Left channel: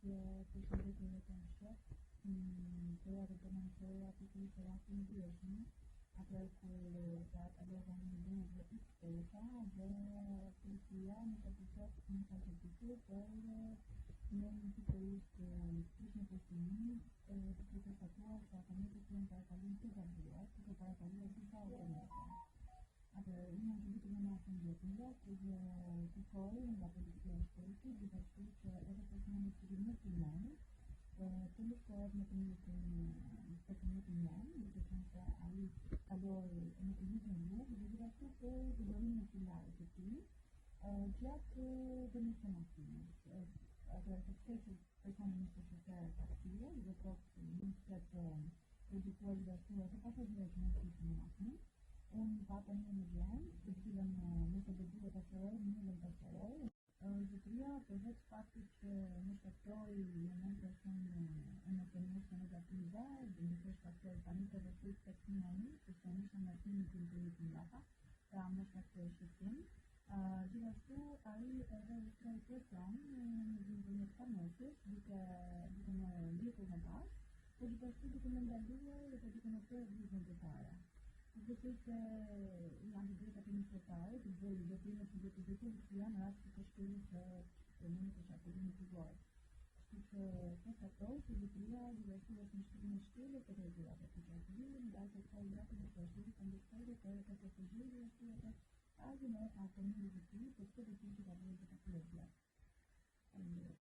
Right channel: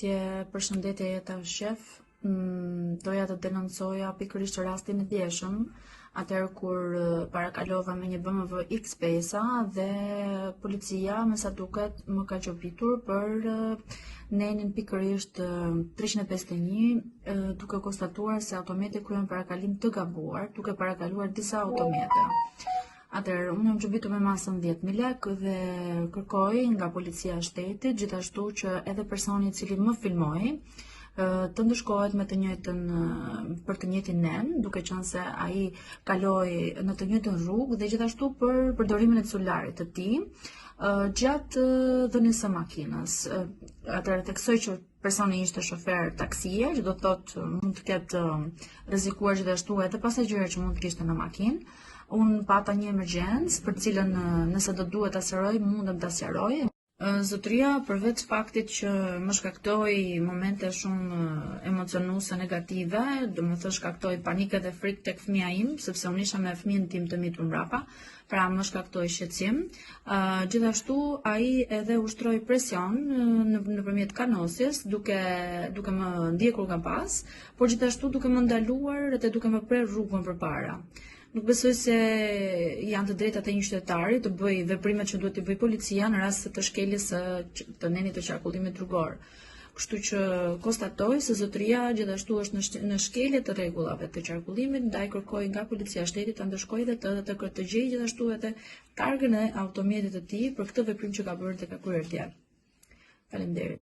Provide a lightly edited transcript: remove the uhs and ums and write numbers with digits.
Përshëndetje jeta shef, doja të denoncoja pikërisht rastin e djeshëm, atëherë kur parakalova me një BMW X5 dhe policia me sa duket më ka qopitur për nenin pikërisht 351, duke konstatuar se automjeti kryen parakalim të gabuar, duke parakaluar disa automjete. Atëherë, unë jam gjubitur me masën 10.000 lekë dhe kërkoj nga policia e shtetit, gjithashtu që edhe personi i cili më filmoi të ndëshkohet me të njëjtën për të njëjtin nen, duke qenë se ai kaloi në të njëjtën rrugë dhe gjithashtu për përdorimin e celularit të tij gjatë dhënies së makinës. Atëherë theksoj që personi ishte shofer taksie, që do të thotë mund të ketë rrezikuar gjithashtu edhe pasagerët që mund të kishte në makinë. Unë pata një emergjencë për cilën nëse do duhet ta sqaroj, mundem ta sqaroj. Zotëria, përveç faktit që më shkaktoi momente shumë emocionuese negative, do më thënë shkaktoi panikë dhe frikë tek fëmia im, sepse unë isha me fëmijën tim të mitur mbrapa, pra më shkaktoi shqetësim. Gjithashtu ai edhe ushtroi presion nëpërmjet kanosjes, duke më ndjekur nga pas, por gjithashtu duke më ndaluar dhe duke më prerë rrugën përpara. Nuk besoj se janë të drejtat e një qytetari të bëj veprimet që duhet të bëj policia në rast të shkeljes të nenit të qarkullimit rrugor. Kështu që konstatoj se zotëria gjithashtu është në shkelje të rregullave të qarkullimit, ndaj kërkoj nga policia e shtetit të ndëshkojë dhe të gjejë gjithashtu edhe targën e automjetit të tij për këtë veprim që ka bërë dhe ka kryer djalë. Faleminderit.